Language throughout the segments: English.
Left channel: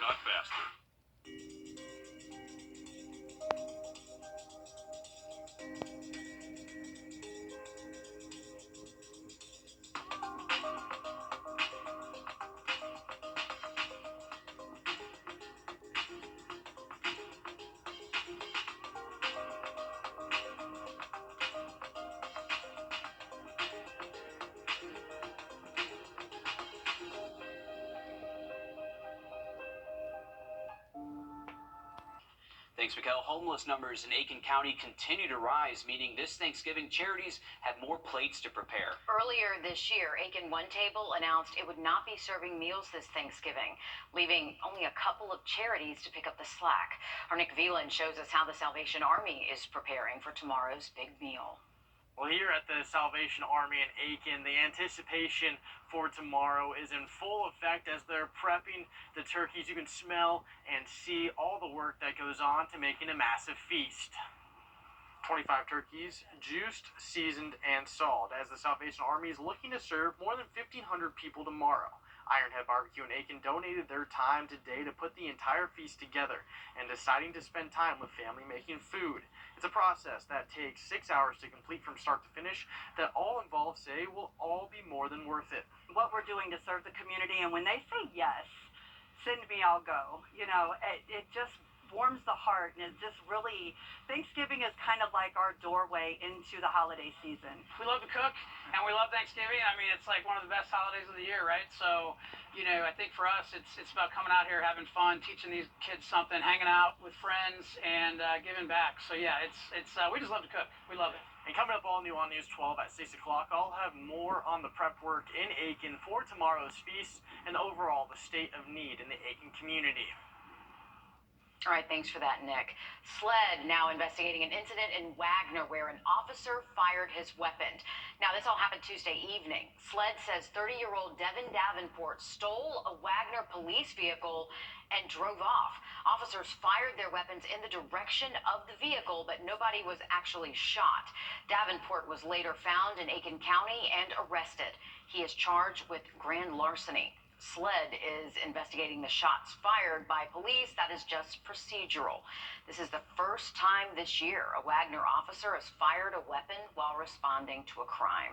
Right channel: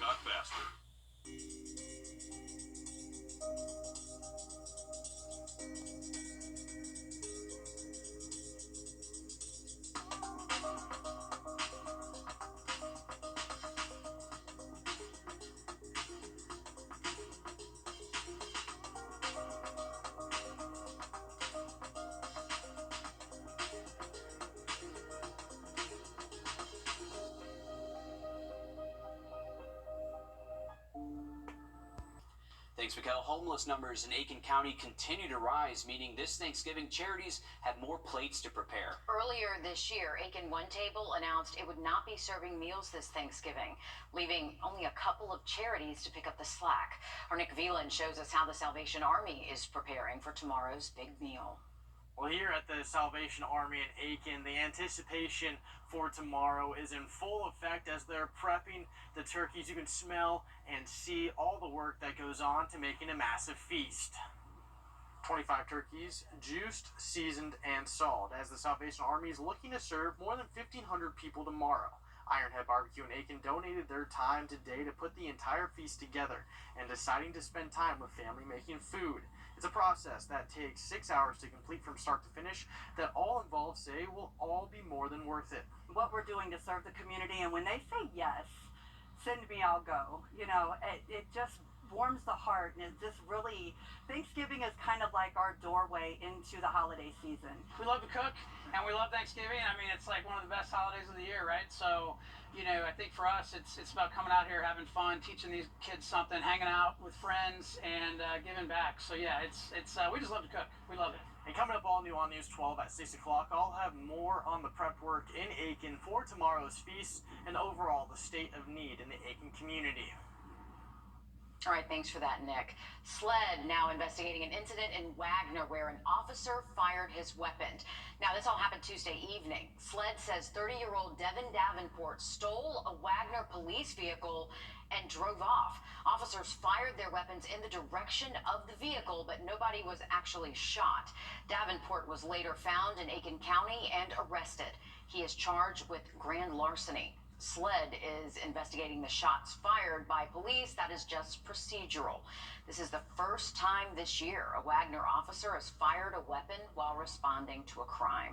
Not faster. Thanks, Mikkel. Homeless numbers in Aiken County continue to rise, meaning this Thanksgiving charities have more plates to prepare. Earlier this year, Aiken One Table announced it would not be serving meals this Thanksgiving, leaving only a couple of charities to pick up the slack. Our Nick Veland shows us how the Salvation Army is preparing for tomorrow's big meal. Well, here at the Salvation Army in Aiken, the anticipation for tomorrow is in full effect as they're prepping the turkeys. You can smell and see all the work that goes on to making a massive feast. 25 turkeys, juiced, seasoned, and salt, as the Salvation Army is looking to serve more than 1,500 people tomorrow. Ironhead Barbecue in Aiken donated their time today to put the entire feast together and deciding to spend time with family making food. It's a process that takes 6 hours to complete from start to finish that all involved say will all be more than worth it. What we're doing to serve the community, and when they say yes, send me, I'll go. You know, it just warms the heart, and it just really, Thanksgiving is kind of like our doorway into the holiday season. We love to cook, and we love Thanksgiving. I mean, it's like one of the best holidays of the year, right? So, you know, I think for us, it's about coming out here, having fun, teaching these kids something, hanging out with friends, and giving back. So yeah, it's we just love to cook. We love it. And coming up all new on News 12 at 6 o'clock, I'll have more on the prep work in Aiken for tomorrow's feast and overall the state of need in the Aiken community. All right, thanks for that, Nick. SLED now investigating an incident in Wagner where an officer fired his weapon. Now, this all happened Tuesday evening. SLED says 30-year-old Devin Davenport stole a Wagner police vehicle and drove off. Officers fired their weapons in the direction of the vehicle, but nobody was actually shot. Davenport was later found in Aiken County and arrested. He is charged with grand larceny. SLED is investigating the shots fired by police. That is just procedural. This is the first time this year a Wagner officer has fired a weapon while responding to a crime.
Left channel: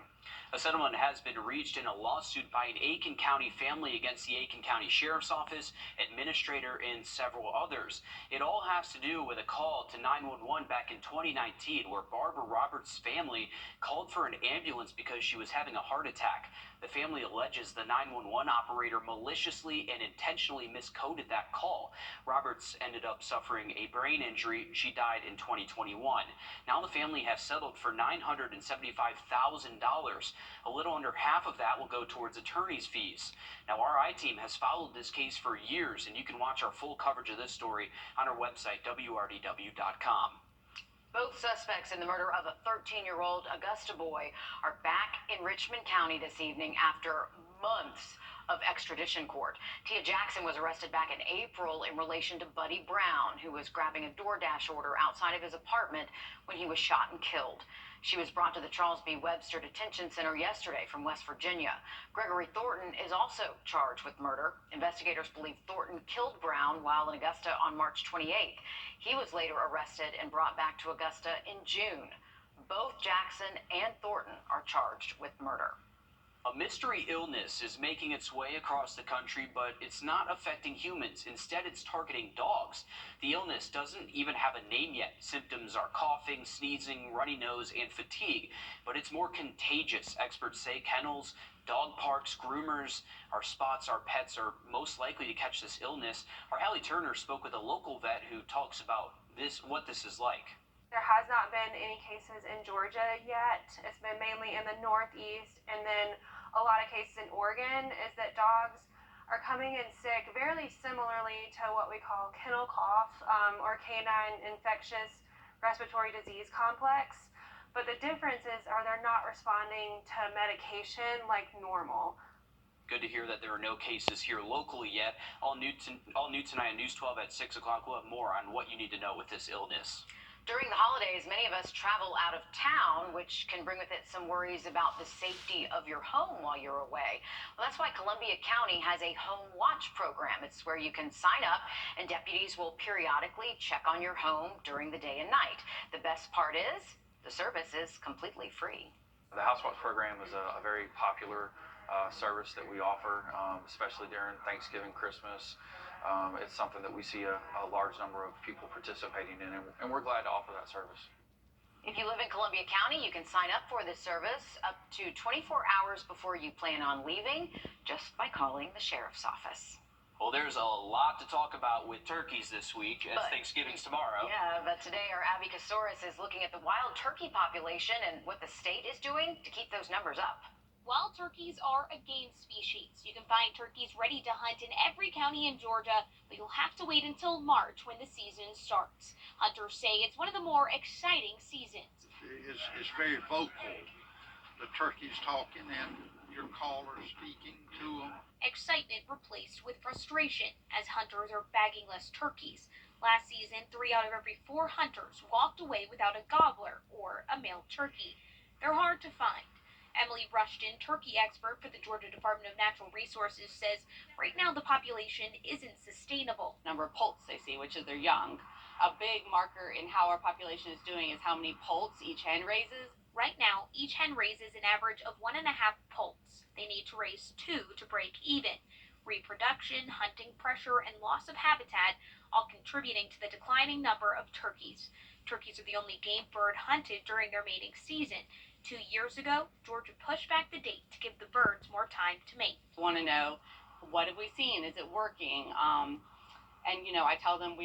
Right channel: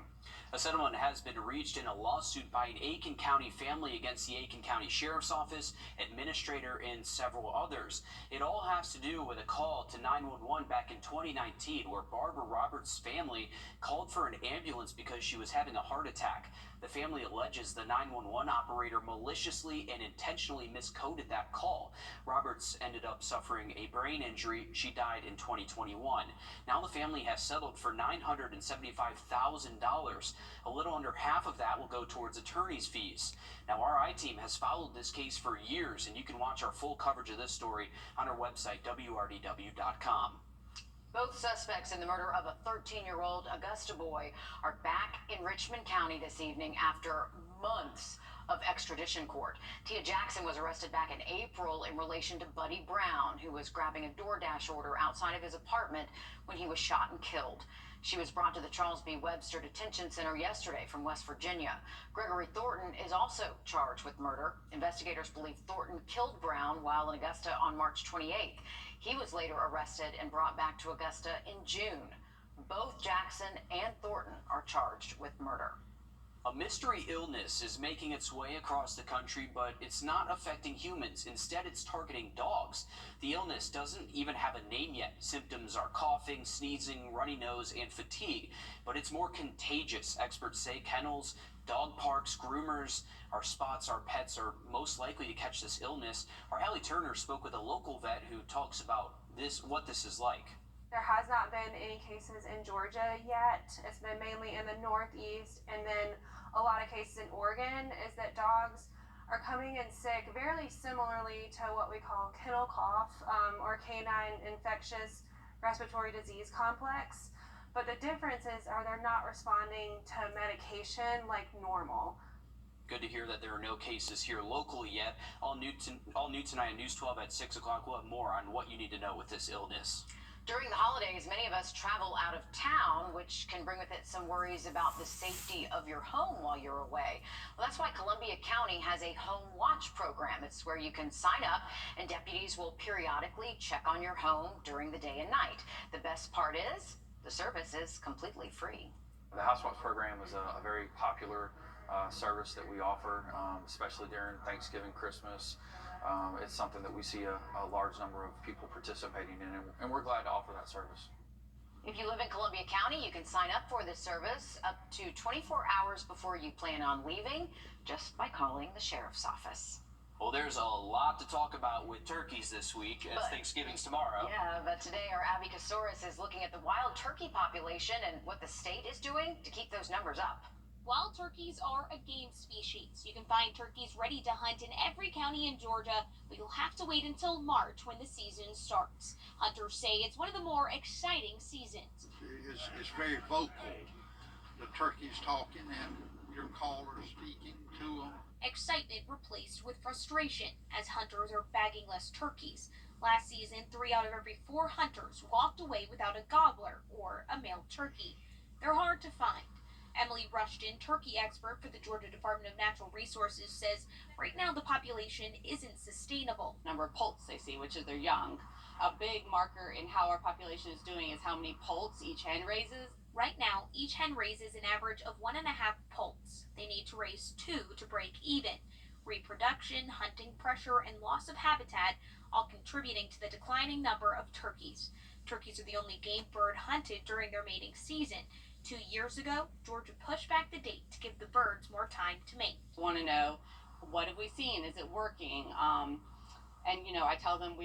A settlement has been reached in a lawsuit by an Aiken County family against the Aiken County Sheriff's Office, administrator, and several others. It all has to do with a call to 911 back in 2019 where Barbara Roberts' family called for an ambulance because she was having a heart attack. The family alleges the 911 operator maliciously and intentionally miscoded that call. Roberts ended up suffering a brain injury. She died in 2021. Now the family has settled for $975,000. A little under half of that will go towards attorney's fees. Now, our I-team has followed this case for years, and you can watch our full coverage of this story on our website, wrdw.com. Both suspects in the murder of a 13-year-old Augusta boy are back in Richmond County this evening after months of extradition court. Tia Jackson was arrested back in April in relation to Buddy Brown, who was grabbing a DoorDash order outside of his apartment when he was shot and killed. She was brought to the Charles B. Webster Detention Center yesterday from West Virginia. Gregory Thornton is also charged with murder. Investigators believe Thornton killed Brown while in Augusta on March 28th. He was later arrested and brought back to Augusta in June. Both Jackson and Thornton are charged with murder. A mystery illness is making its way across the country, but it's not affecting humans. Instead, it's targeting dogs. The illness doesn't even have a name yet. Symptoms are coughing, sneezing, runny nose, and fatigue, but it's more contagious. Experts say kennels, dog parks, groomers, our spots, our pets are most likely to catch this illness. Our Allie Turner spoke with a local vet who talks about what this is like. There has not been any cases in Georgia yet. It's been mainly in the Northeast, and then a lot of cases in Oregon is that dogs are coming in sick very similarly to what we call kennel cough or canine infectious respiratory disease complex. But the difference is they're not responding to medication like normal. Good to hear that there are no cases here locally yet. All new tonight on News 12 at 6 o'clock. We'll have more on what you need to know with this illness. During the holidays, many of us travel out of town, which can bring with it some worries about the safety of your home while you're away. Well, that's why Columbia County has a home watch program. It's where you can sign up and deputies will periodically check on your home during the day and night. The best part is the service is completely free. The House Watch program is a very popular service that we offer, especially during Thanksgiving, Christmas. It's something that we see a large number of people participating in, and we're glad to offer that service. If you live in Columbia County, you can sign up for this service up to 24 hours before you plan on leaving just by calling the sheriff's office. Well, there's a lot to talk about with turkeys this week as Thanksgiving's tomorrow. Yeah, but today our Abby Kasoris is looking at the wild turkey population and what the state is doing to keep those numbers up. Wild turkeys are a game species. You can find turkeys ready to hunt in every county in Georgia, but you'll have to wait until March when the season starts. Hunters say it's one of the more exciting seasons. It's very vocal. The turkey's talking and your caller speaking to them. Excitement replaced with frustration as hunters are bagging less turkeys. Last season, 3 out of every 4 hunters walked away without a gobbler or a male turkey. They're hard to find. Emily Rushton, turkey expert for the Georgia Department of Natural Resources, says right now the population isn't sustainable. Number of poults they see, which is their young. A big marker in how our population is doing is how many poults each hen raises. Right now, each hen raises an average of 1.5 poults. They need to raise 2 to break even. Reproduction, hunting pressure, and loss of habitat all contributing to the declining number of turkeys. Turkeys are the only game bird hunted during their mating season. 2 years ago, Georgia pushed back the date to give the birds more time to mate. Want to know, what have we seen? Is it working? And I tell them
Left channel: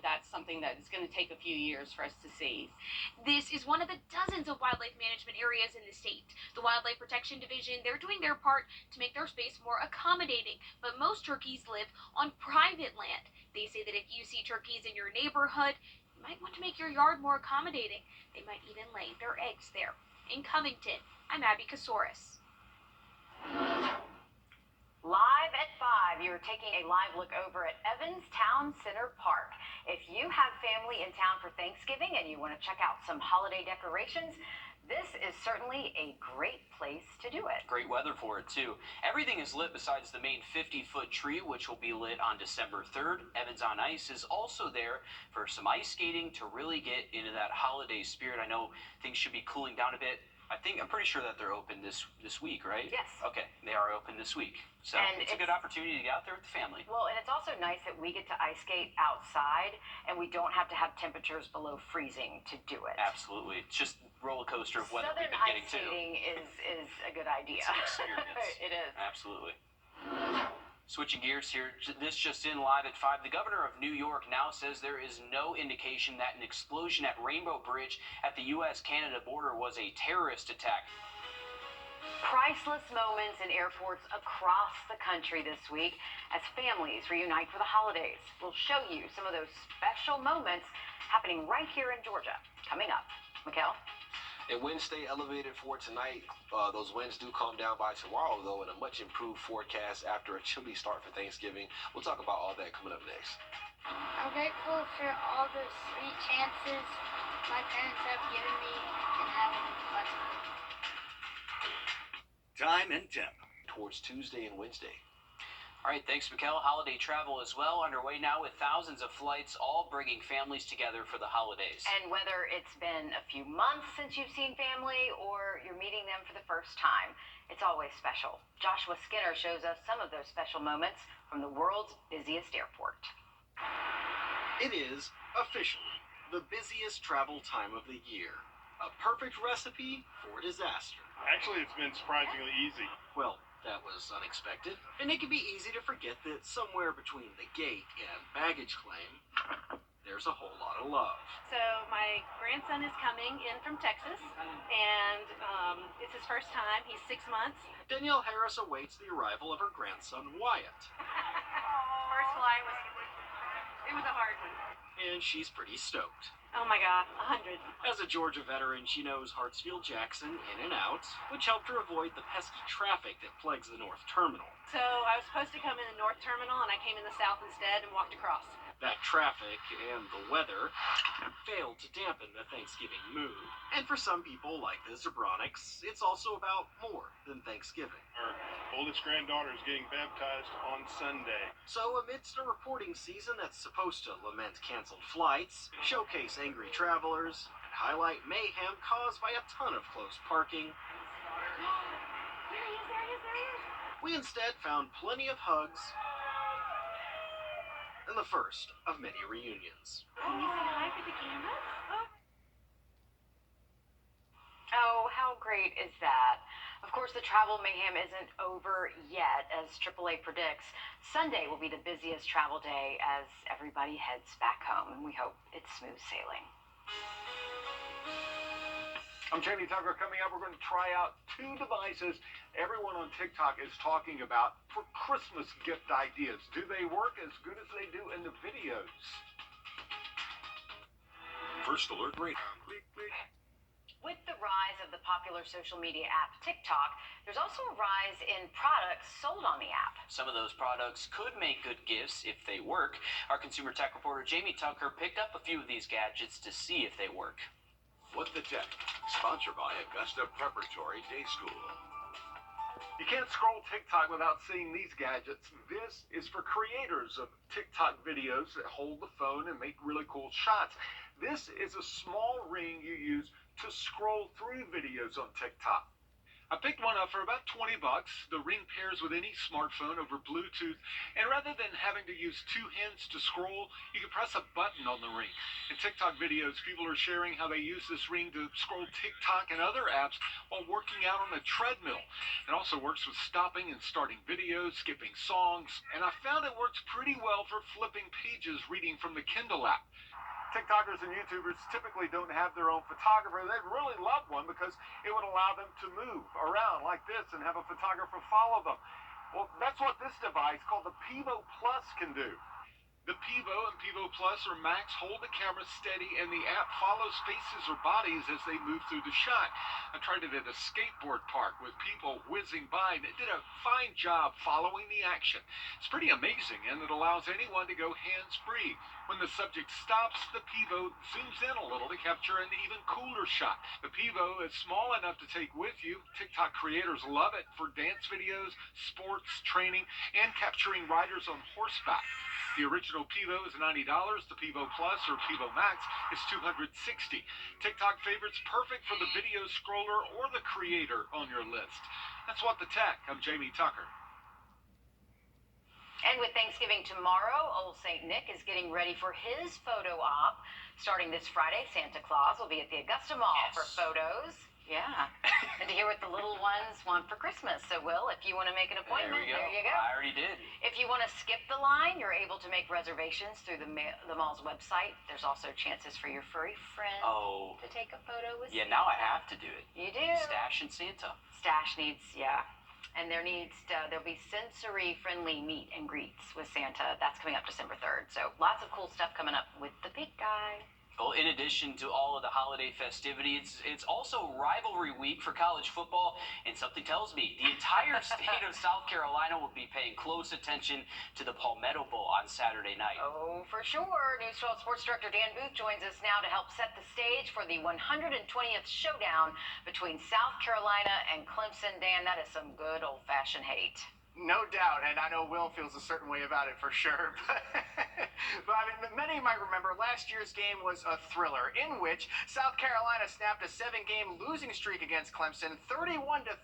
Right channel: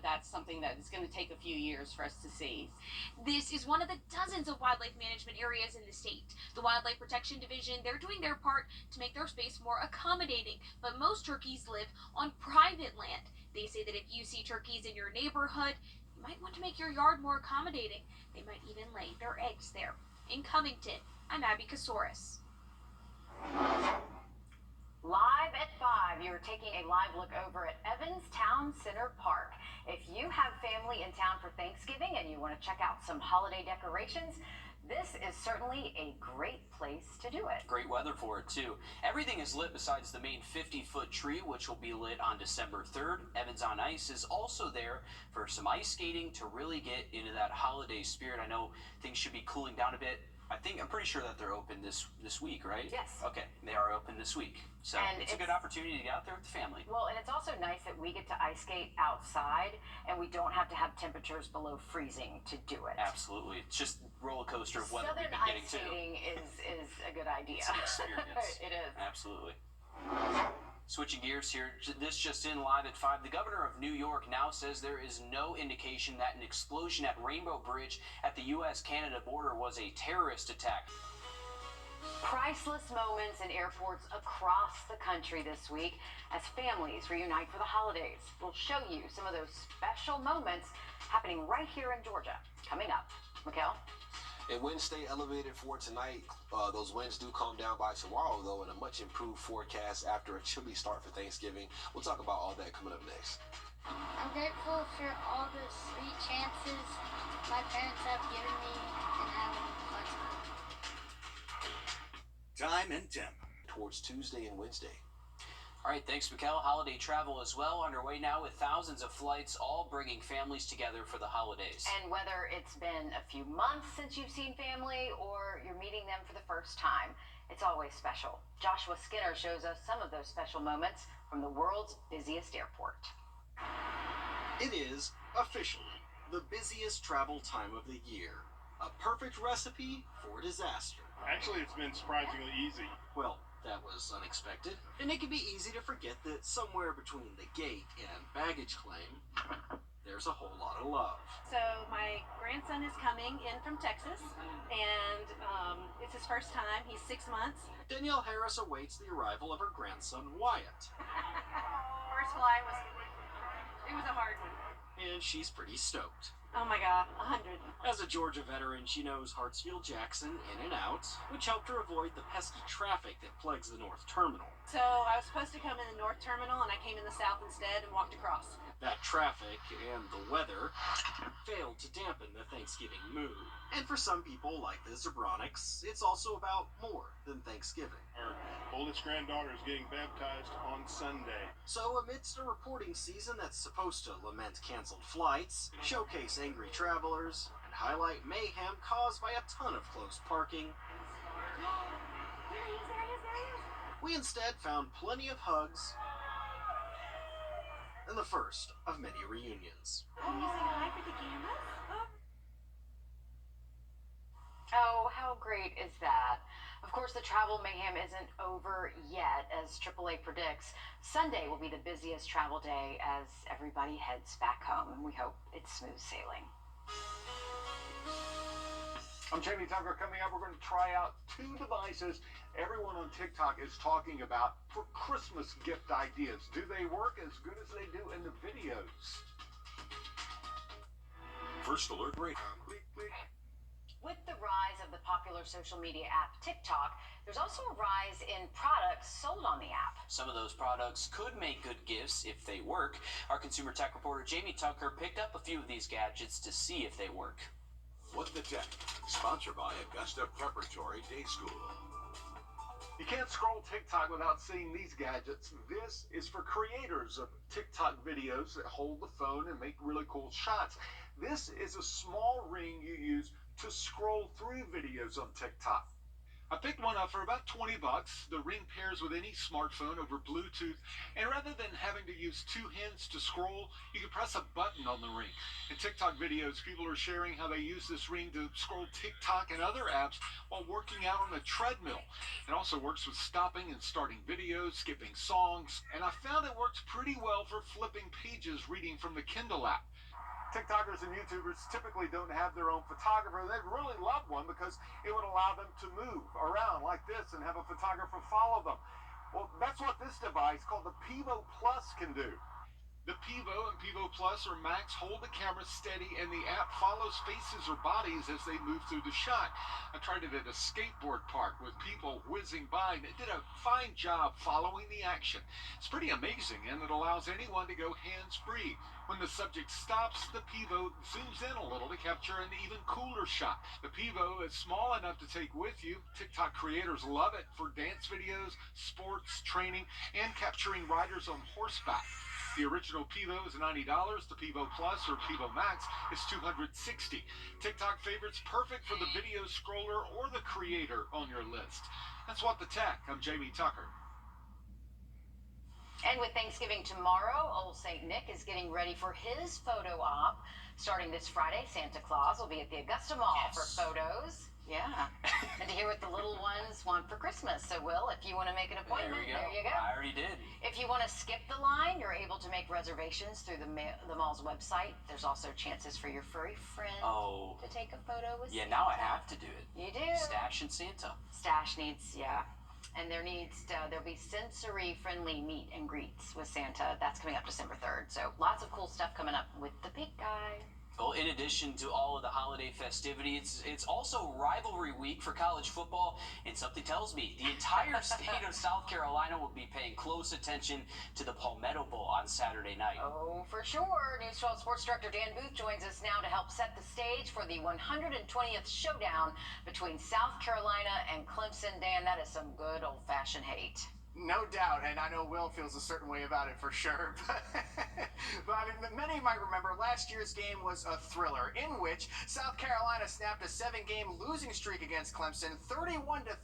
that's something that is going to take a few years for us to see. This is one of the dozens of wildlife management areas in the state. The Wildlife Protection Division, they're doing their part to make their space more accommodating, but most turkeys live on private land. They say that if you see turkeys in your neighborhood, you might want to make your yard more accommodating. They might even lay their eggs there. In Covington, I'm Abby Kasoris. Live at 5, you're taking a live look over at Evans Town Center Park. If you have family in town for Thanksgiving and you want to check out some holiday decorations, this is certainly a great place to do it. Great weather for it, too. Everything is lit besides the main 50-foot tree, which will be lit on December 3rd. Evans on Ice is also there for some ice skating to really get into that holiday spirit. I know things should be cooling down a bit. I'm pretty sure that they're open this week, right? Yes. Okay, they are open this week. So it's a good opportunity to get out there with the family. Well, and it's also nice that we get to ice skate outside and we don't have to have temperatures below freezing to do it. Absolutely. It's just roller coaster of weather we've Southern been getting ice to. skating is a good idea. It's an experience. It is. Absolutely. Switching gears here, this just in live at 5. The governor of New York now says there is no indication that an explosion at Rainbow Bridge at the U.S.-Canada border was a terrorist attack. Priceless moments in airports across the country this week as families reunite for the holidays. We'll show you some of those special moments happening right here in Georgia. Coming up. Mikhail? And winds stay elevated for tonight. Those winds do calm down by tomorrow, though, in a much improved forecast after a chilly start for Thanksgiving. We'll talk about all that coming up next. I'm grateful for all the sweet chances my parents have given me and having fun. Time and temp. Towards Tuesday and Wednesday. All right, thanks, Mikhail. Holiday travel as well underway now with thousands of flights, all bringing families together for the holidays. And whether it's been a few months since you've seen family or you're meeting them for the first time, it's always special. Joshua Skinner shows us some of those special moments from the world's busiest airport. It is officially the busiest travel time of the year. A perfect recipe for disaster. Actually, it's been surprisingly easy. Well, that was unexpected. And it can be easy to forget that somewhere between the gate and baggage claim, there's a whole lot of love. So my grandson is coming in from Texas, and it's his first time. He's 6 months. Danielle Harris awaits the arrival of her grandson, Wyatt. First flight was a hard one. And she's pretty stoked. Oh my God, 100. As a Georgia veteran, she knows Hartsfield-Jackson in and out, which helped her avoid the pesky traffic that plagues the North Terminal. So I was supposed to come in the North Terminal, and I came in the South instead and walked across. That traffic and the weather failed to dampen the Thanksgiving mood. And for some people, like the Zebronics, it's also about more than Thanksgiving. Our oldest granddaughter is getting baptized on Sunday. So amidst a reporting season that's supposed to lament canceled flights, showcase angry travelers, and highlight mayhem caused by a ton of close parking, we instead found plenty of hugs and the first of many reunions. Can you say hi for the cameras? Oh, how great is that? Of course, the travel mayhem isn't over yet, as AAA predicts. Sunday will be the busiest travel day as everybody heads back home, and we hope it's smooth sailing. I'm Jamie Tucker. Coming up, we're going to try out 2 devices everyone on TikTok is talking about for Christmas gift ideas. Do they work as good as they do in the videos? First Alert Radio. With the rise of the popular social media app TikTok, there's also a rise in products sold on the app. Some of those products could make good gifts if they work. Our consumer tech reporter Jamie Tucker picked up a few of these gadgets to see if they work. What the Tech, sponsored by Augusta Preparatory Day School. You can't scroll TikTok without seeing these gadgets. This is for creators of TikTok videos that hold the phone and make really cool shots. This is a small ring you use to scroll through videos on TikTok. I picked one up for about 20 bucks. The ring pairs with any smartphone over Bluetooth, and rather than having to use 2 hands to scroll, you can press a button on the ring. In TikTok videos, people are sharing how they use this ring to scroll TikTok and other apps while working out on a treadmill. It also works with stopping and starting videos, skipping songs, and I found it works pretty well for flipping pages reading from the Kindle app. TikTokers and YouTubers typically don't have their own photographer. They'd really love one because it would allow them to move around like this and have a photographer follow them. Well, that's what this device called the Pivo Plus can do. The Pivo and Pivo Plus or Max hold the camera steady, and the app follows faces or bodies as they move through the shot. I tried it at a skateboard park with people whizzing by, and it did a fine job following the action. It's pretty amazing, and it allows anyone to go hands-free. When the subject stops, the Pivo zooms in a little to capture an even cooler shot. The Pivo is small enough to take with you. TikTok creators love it for dance videos, sports, training, and capturing riders on horseback. The original Pivo is $90. The Pivo Plus or Pivo Max is $260. TikTok favorites perfect for the video scroller or the creator on your list. That's What the Tech. I'm Jamie Tucker. And with Thanksgiving tomorrow, Old St. Nick is getting ready for his photo op. Starting this Friday, Santa Claus will be at the Augusta Mall for photos. Yeah. And to hear what the little ones want for Christmas. So, Will, if you want to make an appointment, there you go. I already did. If you want to skip the line, you're able to make reservations through the mall's website. There's also chances for your furry friend to take a photo with Santa. Now I have to do it. You do. Stash and Santa. Stash needs, and there'll be sensory-friendly meet and greets with Santa. That's coming up December 3rd. So lots of cool stuff coming up with the big guy. Well, in addition to all of the holiday festivities, it's also rivalry week for college football, and something tells me the entire state of South Carolina will be paying close attention to the Palmetto Bowl on Saturday night. Oh, for sure. News 12 Sports Director Dan Booth joins us now to help set the stage for the 120th showdown between South Carolina and Clemson. Dan, that is some good old-fashioned hate. No doubt, and I know Will feels a certain way about it for sure. But I mean, many might remember last year's game was a thriller in which South Carolina snapped a 7-game losing streak against Clemson, 31-30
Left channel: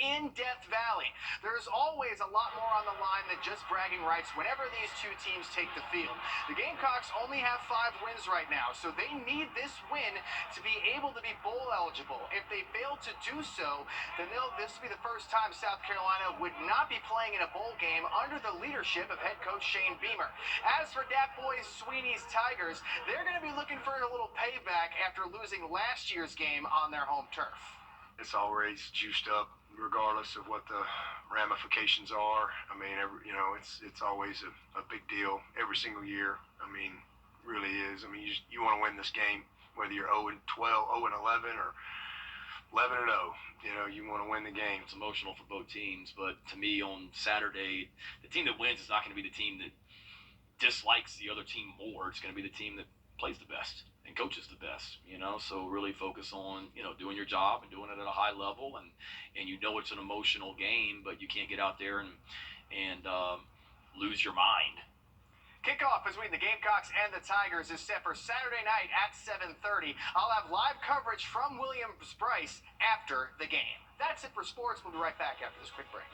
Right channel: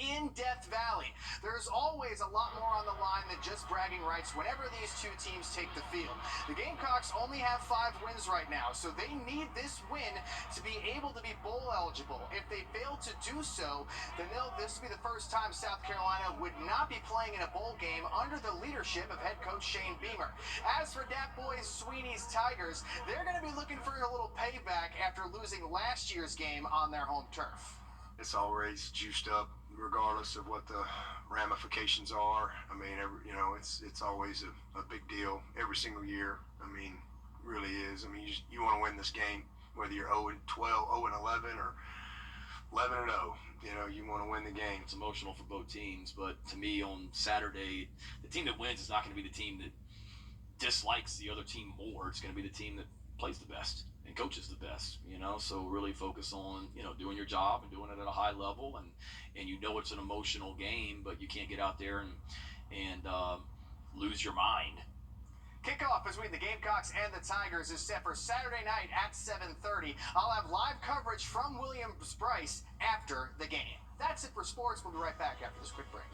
in Death Valley. There's always a lot more on the line than just bragging rights whenever these two teams take the field. The Gamecocks only have 5 wins right now, so they need this win to be able to be bowl eligible. If they fail to do so, then this will be the first time South Carolina would not be playing in a bowl game under the leadership of head coach Shane Beamer. As for Dat Boys Sweeney's Tigers, they're going to be looking for a little payback after losing last year's game on their home turf. It's always juiced up regardless of what the ramifications are. I mean, it's always a big deal every single year. I mean, really is. I mean, you want to win this game, whether you're 0-12, 0-11, or 11-0. You know, you want to win the game. It's emotional for both teams, but to me on Saturday, the team that wins is not going to be the team that dislikes the other team more. It's going to be the team that plays the best and coaches the best, you know. So really focus on, you know, doing your job and doing it at a high level, and you know it's an emotional game, but you can't get out there and lose your mind. Kickoff between the Gamecocks and the Tigers is set for Saturday night at 7:30. I'll have live coverage from Williams-Brice after the game. That's it for sports. We'll be right back after this quick break.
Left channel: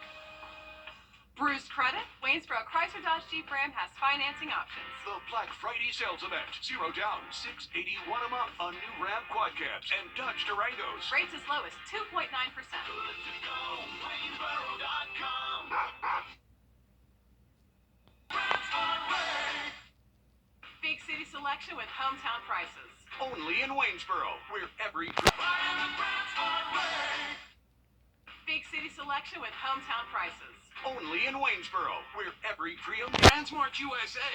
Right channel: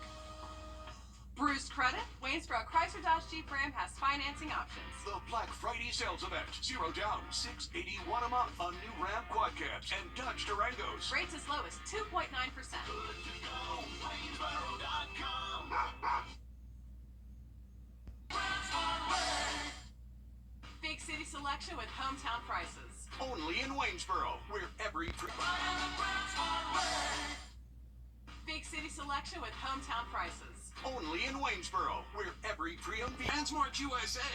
Bruce Credit, Waynesboro Chrysler Dodge Jeep Ram has financing options. The Black Friday sales event. 0 down, $681 a month on new Ram Quad Cabs and Dodge Durangos. Rates as low as 2.9%. Big city selection with hometown prices. Only in Waynesboro, where every... Big city selection with hometown prices. Only in Waynesboro, where every pre-owned Transmart USA.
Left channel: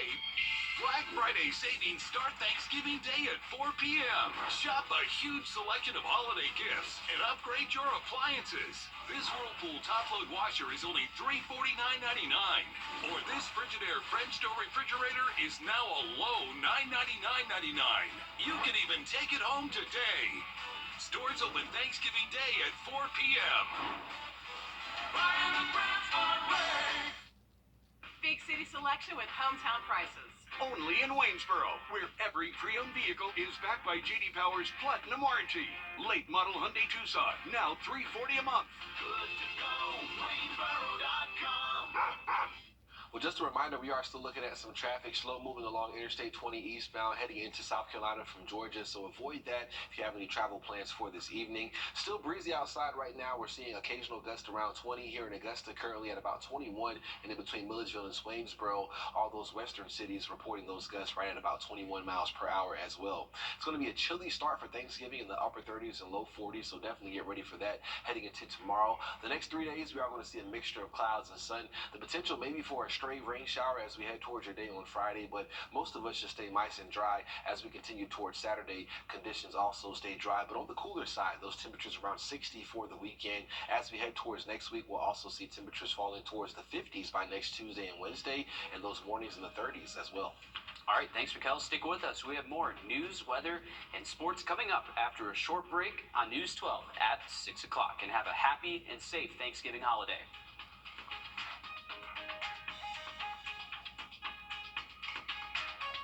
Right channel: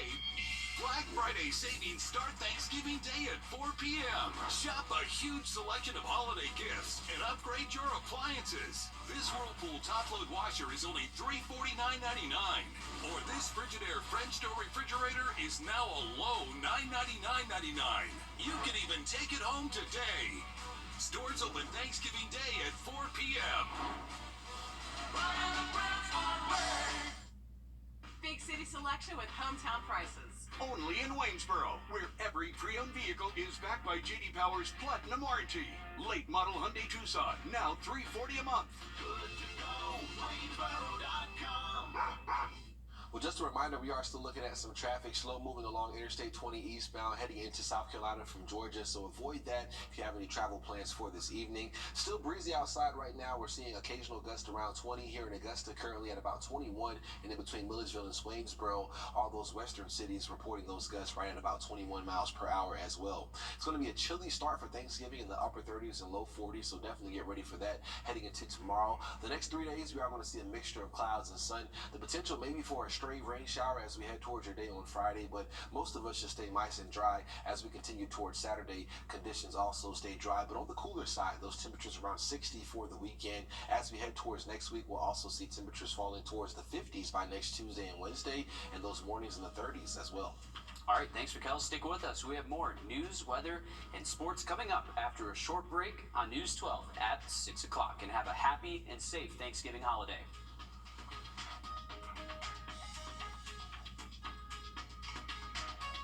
Black Friday savings start Thanksgiving Day at 4 p.m. Shop a huge selection of holiday gifts and upgrade your appliances. This Whirlpool top-load washer is only $349.99. Or this Frigidaire French door refrigerator is now a low $999.99. You can even take it home today. Stores open Thanksgiving Day at 4 p.m. Big city selection with hometown prices. Only in Waynesboro, where every pre-owned vehicle is backed by J.D. Power's Platinum Warranty. Late model Hyundai Tucson, now $340 a month. Good to go, Waynesboro.com. Well, just a reminder, we are still looking at some traffic slow moving along Interstate 20 eastbound heading into South Carolina from Georgia, so avoid that if you have any travel plans for this evening. Still breezy outside right now. We're seeing occasional gusts around 20 here in Augusta, currently at about 21, and in between Milledgeville and Swainsboro, all those western cities reporting those gusts right at about 21 miles per hour as well. It's going to be a chilly start for Thanksgiving in the upper 30s and low 40s, so definitely get ready for that heading into tomorrow. The next 3 days, we are going to see a mixture of clouds and sun. The potential maybe for a stray rain shower as we head towards your day on Friday, but most of us should stay nice and dry as we continue towards Saturday. Conditions also stay dry, but on the cooler side, those temperatures around 60 for the weekend. As we head towards next week, we'll also see temperatures falling towards the 50s by next Tuesday and Wednesday, and those mornings in the 30s as well. All right, thanks, Raquel. Stick with us. We have more news, weather, and sports coming up after a short break on News 12 at 6 o'clock. And have a happy and safe Thanksgiving holiday.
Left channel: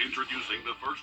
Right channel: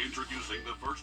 Introducing the first